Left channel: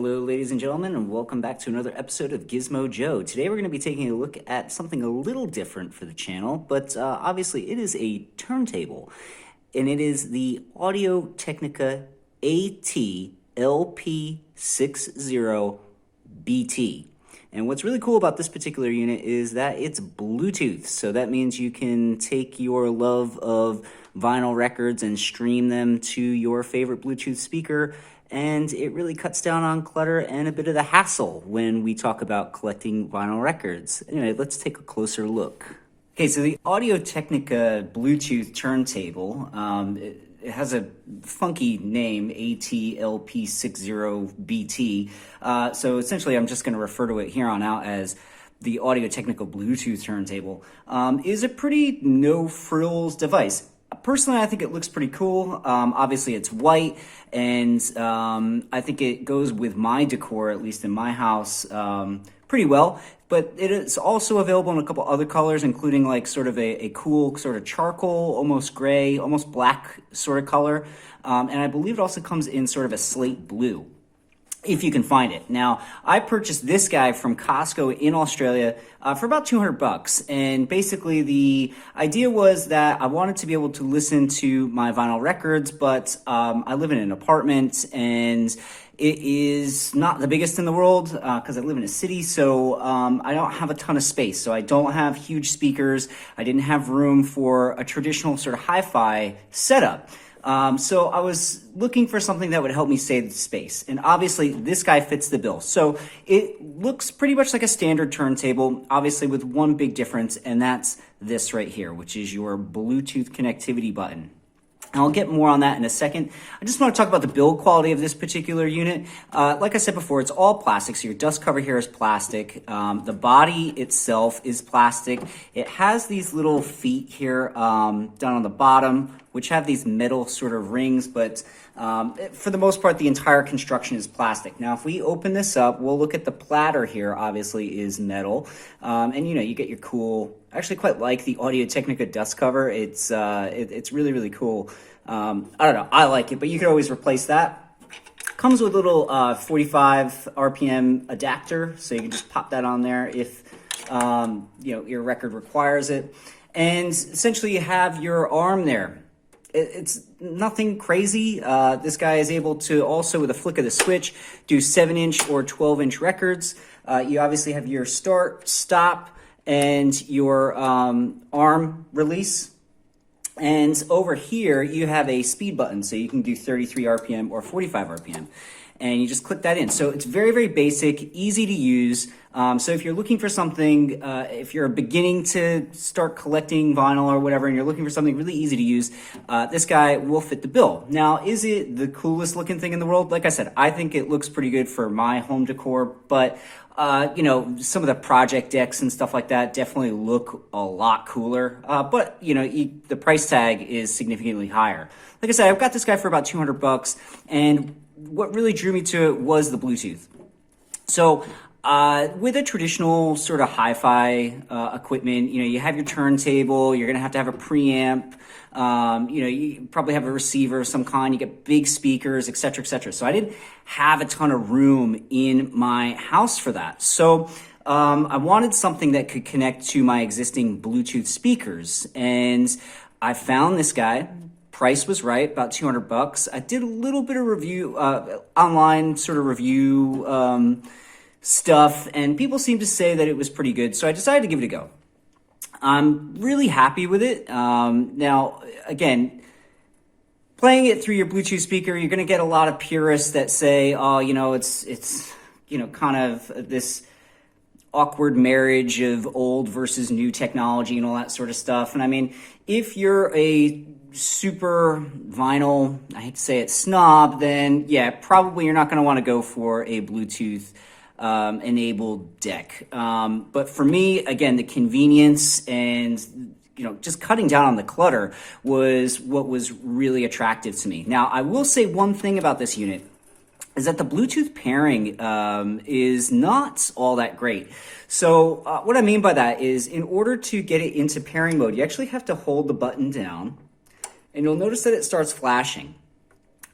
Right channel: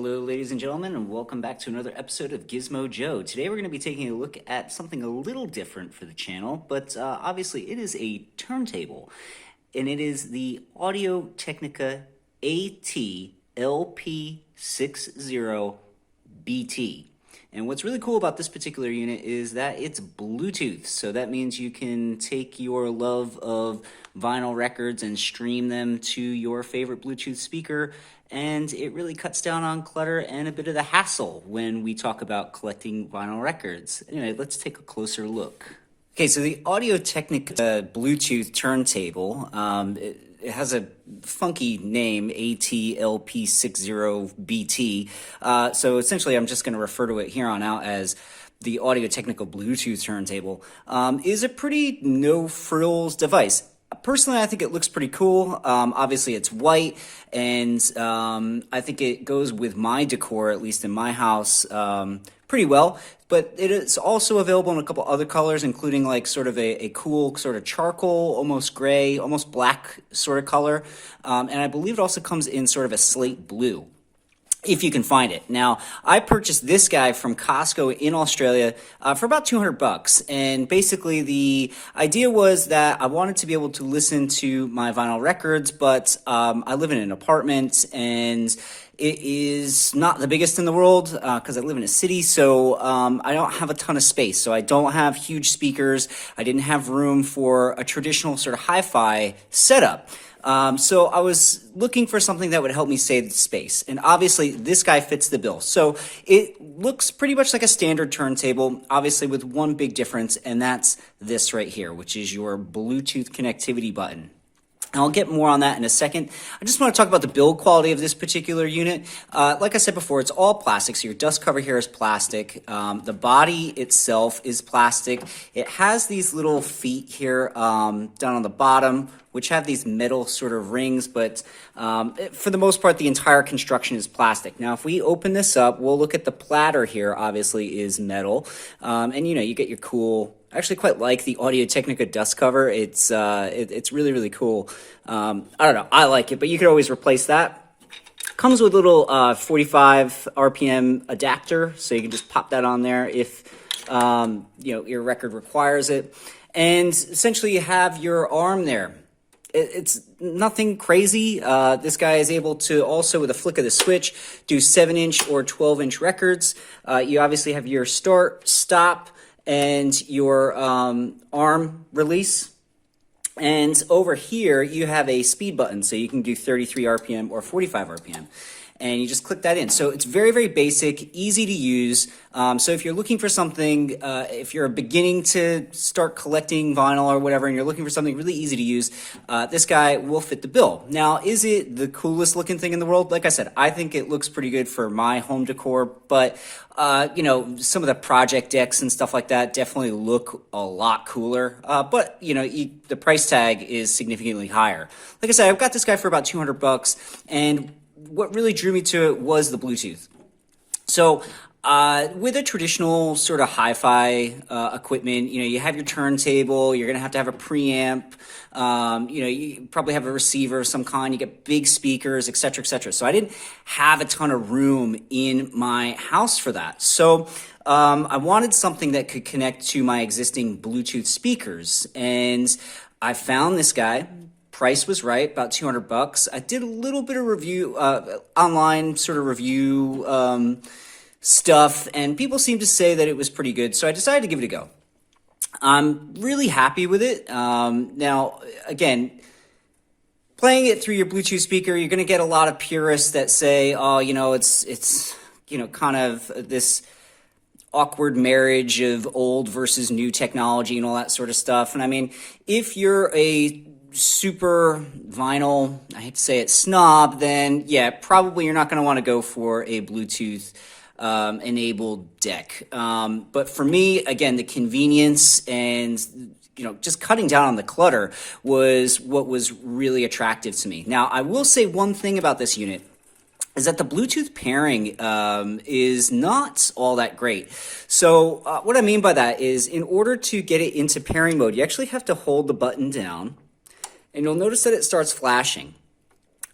Hello, ladies and gentlemen, and welcome back to another episode of Gizmo Joe. Today we're going to be taking a look at something a little different for the channel, but obviously it is a turntable, and it is the Audio Technica AT-LP60 BT. And what's really cool about this particular unit is that it's Bluetooth, so that means you can take your love of vinyl records and stream them to your favorite Bluetooth speaker, and it really cuts down on clutter and a bit of the hassle when we talk about collecting vinyl records. Anyway, let's take a closer look. Okay, so the Audio Technica Bluetooth turntable, it has a funky name, AT-LP60 BT. So essentially, I'm just going to refer to it here on out as the Audio Technica Bluetooth turntable. Is a pretty no-frills device. Personally, I think it looks pretty cool. Obviously, it's white, and I think it goes with my decor, at least in my house, pretty well. But it is also available in a couple other colors, including like sort of a cool sort of charcoal, almost gray, almost black sort of color. And I believe it also comes in sort of a slate blue, if you can find it. Now, I purchased this guy from Costco in Australia for about $200. And basically the idea was that I wanted to be able to listen to my vinyl records, but I live in an apartment and it is not the biggest in the world because I live in a city, so I don't have a ton of space. So I don't have huge speakers. I didn't have room for a traditional sort of hi-fi setup. So I was looking for something that would help me save space. And obviously, this guy fits the bill. So it looks pretty much like a standard turntable, obviously with one big difference, and that's this right here, which is your Bluetooth connectivity button. And I'll get more on that in a second. I just want to talk about the build quality of this particular unit. Like I said before, it's all plastic, so your dust cover here is plastic. The body itself is plastic. It has these little feet here down on the bottom, which have these metal sort of rings, but for the most part, the entire construction is plastic. Now, if we open this up, we'll look at the platter here, obviously, is metal. And, you know, you get your cool... I actually quite like the Audio Technica dust cover. It's really, really cool. I don't know. I like it, but you could always replace that. Comes with a little 45 RPM adapter, so you can just pop that on there if you know, your record requires it. And essentially, you have your arm there. It's nothing crazy. This guy is able to also, with a flick of the switch, do 7-inch or 12-inch records. You obviously have your start, stop, and your arm release. And over here, you have a speed button, so you can do 33 RPM or 45 RPM. And you just click that in. So it's very, very basic, easy to use. So if you're looking for something, if you're beginning to start collecting vinyl or whatever, and you're looking for something really easy to use, this guy will fit the bill. Now, is it the coolest looking thing in the world? Like I said, I think it looks pretty good for my home decor, but you know, some of the project decks and stuff like that definitely look a lot cooler. But you know, the price tag is significantly higher. Like I said, I've got this guy for about $200, and what really drew me to it was the Bluetooth. So with a traditional sort of hi-fi equipment, you know, you have your turntable, you're going to have a preamp, you know, you probably have a receiver of some kind, you get big speakers, etc., etc. So I didn't have a ton of room in my house for that. So I wanted something that could connect to my existing Bluetooth speakers, and I found this guy. Price was right, about $200. I did a little bit of review, online sort of review stuff, and people seemed to say that it was pretty good, so I decided to give it a go. I'm really happy with it. Now, again, playing it through your Bluetooth speaker, you're going to get a lot of purists that say, oh, you know, it's you know, kind of this awkward marriage of old versus new technology and all that sort of stuff. And I mean, if you're a super vinyl, I hate to say it, snob, then yeah, probably you're not going to want to go for a Bluetooth enabled deck. But for me, again, the convenience and, you know, just cutting down on the clutter was what was really attractive to me. Now, I will say one thing about this unit is that the Bluetooth pairing is not all that great. So what I mean by that is, in order to get it into pairing mode, you actually have to hold the button down, and you'll notice that it starts flashing.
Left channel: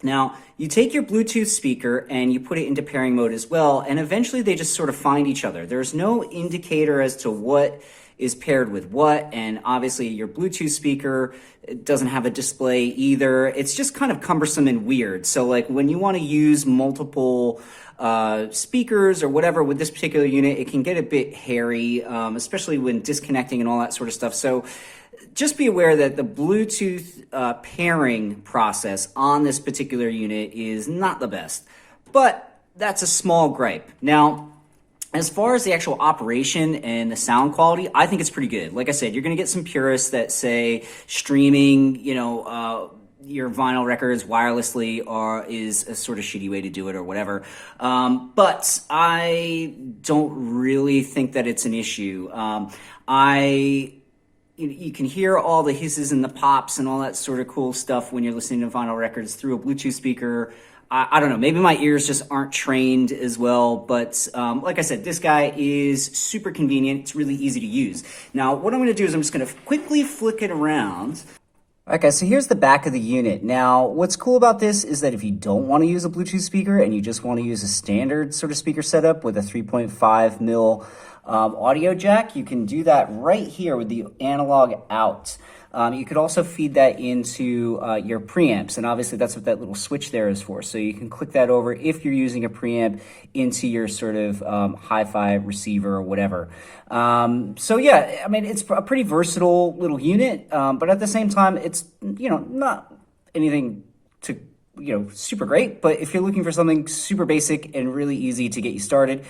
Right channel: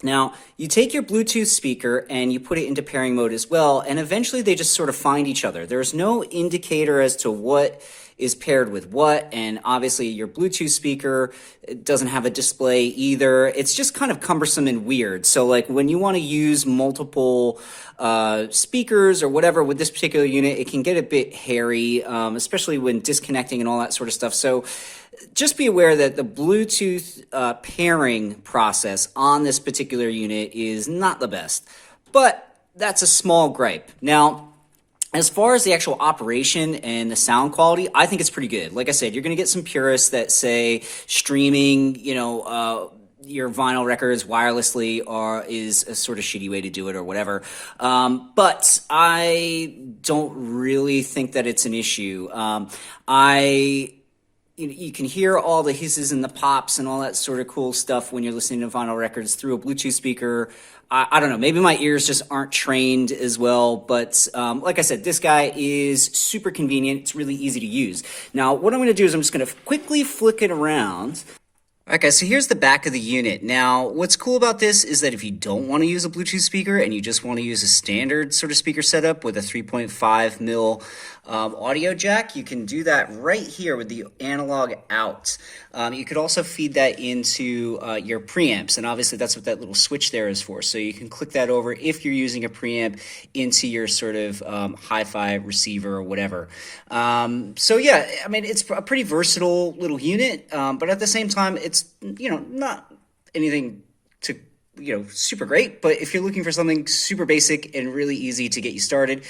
Now, you take your Bluetooth speaker and you put it into pairing mode as well, and eventually they just sort of find each other. There's no indicator as to what is paired with what, and obviously your Bluetooth speaker doesn't have a display either. It's just kind of cumbersome and weird. So like when you want to use multiple speakers or whatever with this particular unit, it can get a bit hairy, especially when disconnecting and all that sort of stuff. So just be aware that the Bluetooth pairing process on this particular unit is not the best, but that's a small gripe. Now, as far as the actual operation and the sound quality, I think it's pretty good. Like I said, you're going to get some purists that say streaming, your vinyl records wirelessly is a sort of shitty way to do it or whatever. But I don't really think that it's an issue. You can hear all the hisses and the pops and all that sort of cool stuff when you're listening to vinyl records through a Bluetooth speaker. I don't know, maybe my ears just aren't trained as well, but like I said, this guy is super convenient. It's really easy to use. Now, what I'm going to do is I'm just going to quickly flick it around. All right, guys, so here's the back of the unit. Now, what's cool about this is that if you don't want to use a Bluetooth speaker and you just want to use a standard sort of speaker setup with a 3.5 mil audio jack, you can do that right here with the analog out. You could also feed that into your preamps, and obviously that's what that little switch there is for. So you can click that over if you're using a preamp into your sort of hi-fi receiver or whatever. So yeah, I mean, it's a pretty versatile little unit, but at the same time, it's, not anything to super great, but if you're looking for something super basic and really easy to get you started,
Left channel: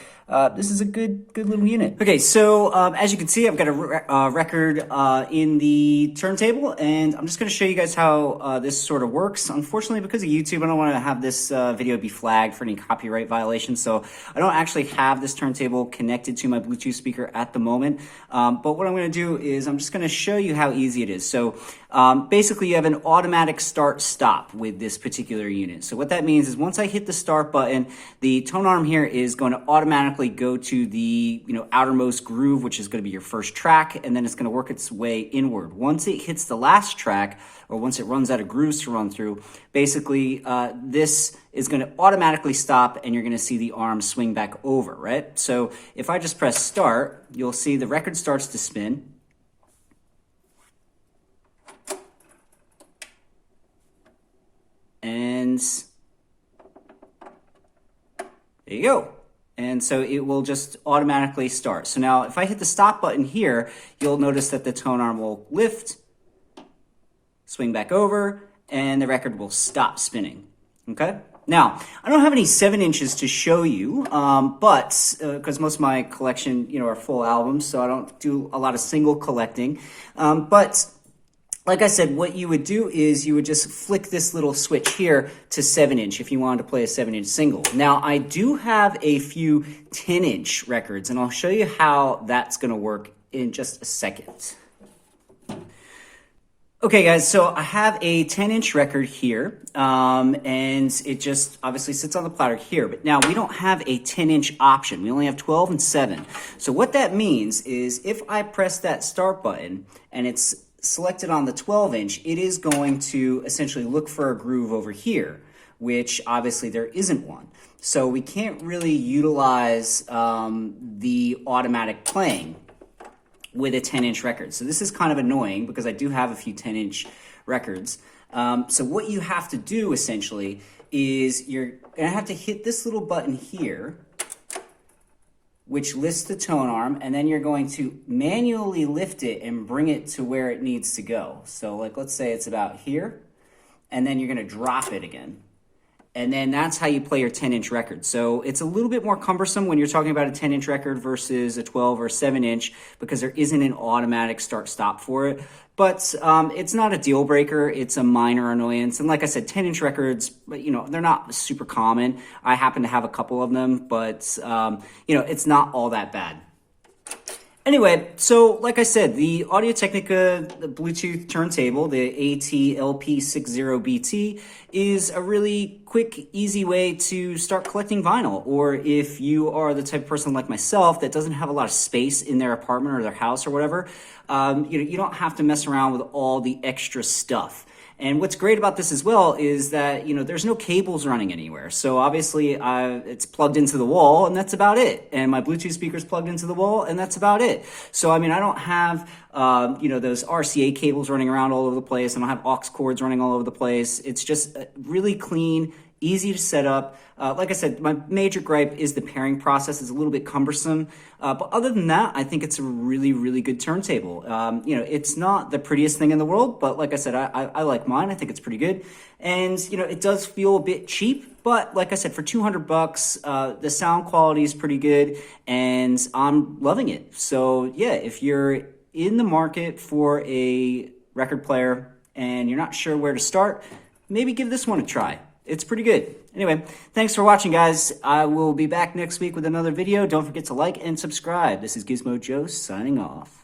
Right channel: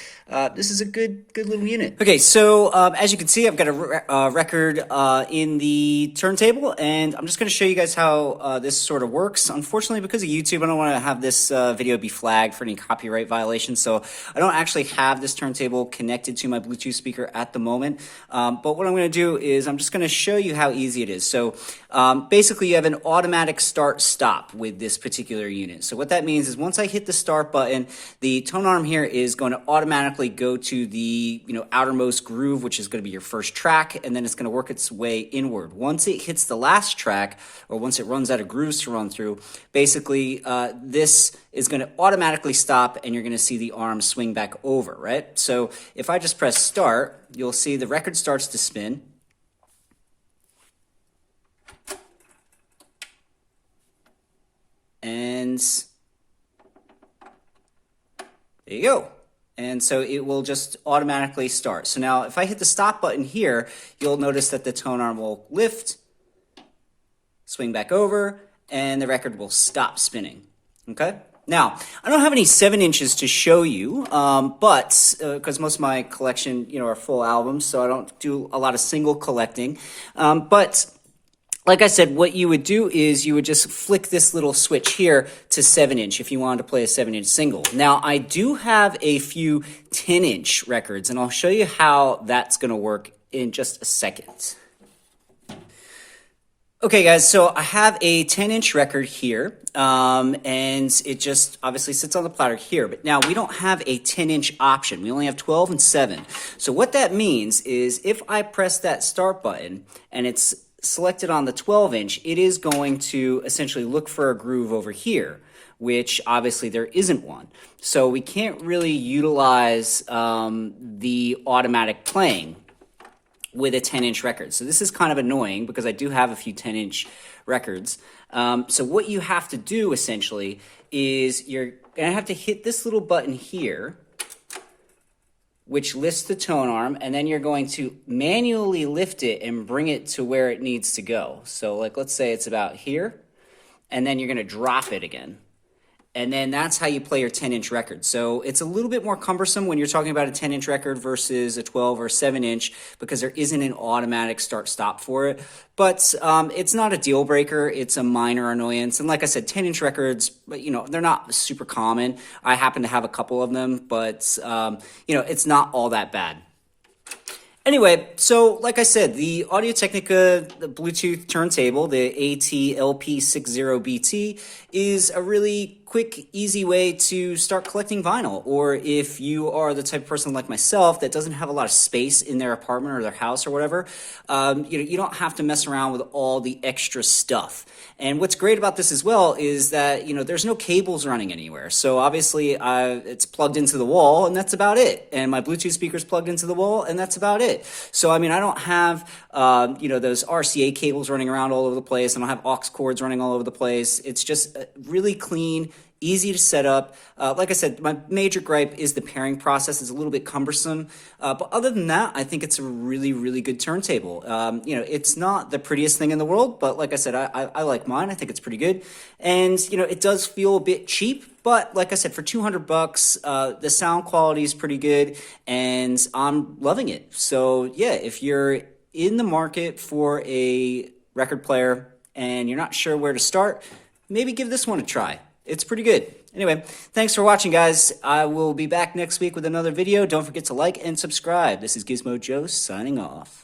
this is a good little unit. Okay, so as you can see, I've got a record in the turntable, and I'm just going to show you guys how this sort of works. Unfortunately, because of YouTube, I don't want to have this video be flagged for any copyright violations, so I don't actually have this turntable connected to my Bluetooth speaker at the moment, but what I'm going to do is I'm just going to show you how easy it is. So basically, you have an automatic start-stop with this particular unit. So what that means is once I hit the start button, the tone arm here is going to automatically go to the outermost groove, which is going to be your first track, and then it's going to work its way inward. Once it hits the last track, or once it runs out of grooves to run through, basically this is going to automatically stop, and you're going to see the arm swing back over, right? So if I just press start, you'll see the record starts to spin. And there you go. And so it will just automatically start. So now if I hit the stop button here, you'll notice that the tone arm will lift, swing back over, and the record will stop spinning. Okay? Now, I don't have any 7 inches to show you, but because most of my collection, are full albums, so I don't do a lot of single collecting. But like I said, what you would do is you would just flick this little switch here to 7-inch if you wanted to play a 7-inch single. Now, I do have a few 10-inch records, and I'll show you how that's going to work in just a second. Okay, guys, so I have a 10-inch record here, and it just obviously sits on the platter here. But now we don't have a 10-inch option. We only have 12 and 7. So what that means is if I press that start button and it's selected on the 12-inch, it is going to essentially look for a groove over here, which obviously there isn't one. So we can't really utilize the automatic playing with a 10-inch record. So this is kind of annoying because I do have a few 10-inch records. So what you have to do essentially is you're going to have to hit this little button here, which lifts the tone arm, and then you're going to manually lift it and bring it to where it needs to go. So like, let's say it's about here, and then you're going to drop it again. And then that's how you play your 10-inch record. So it's a little bit more cumbersome when you're talking about a 10-inch record versus a 12 or 7-inch because there isn't an automatic start-stop for it. But it's not a deal breaker. It's a minor annoyance. And like I said, 10-inch records, they're not super common. I happen to have a couple of them, but it's not all that bad. Anyway, so like I said, the Audio-Technica Bluetooth turntable, the AT-LP60 BT, is a really quick, easy way to start collecting vinyl. Or if you are the type of person like myself that doesn't have a lot of space in their apartment or their house or whatever, you don't have to mess around with all the extra stuff. And what's great about this as well is that, there's no cables running anywhere. So obviously it's plugged into the wall and that's about it. And my Bluetooth speaker's plugged into the wall and that's about it. So, I don't have, those RCA cables running around all over the place. I don't have aux cords running all over the place. It's just really clean, easy to set up. Like I said, my major gripe is the pairing process is a little bit cumbersome. But other than that, I think it's a really, really good turntable. It's not the prettiest thing in the world, but like I said, I like mine. I think it's pretty good. And, it does feel a bit cheap, but like I said, for $200, the sound quality is pretty good and I'm loving it. So yeah, if you're in the market for a record player and you're not sure where to start, maybe give this one a try. It's pretty good. Anyway, thanks for watching, guys. I will be back next week with another video. Don't forget to like and subscribe. This is Gizmo Joe signing off.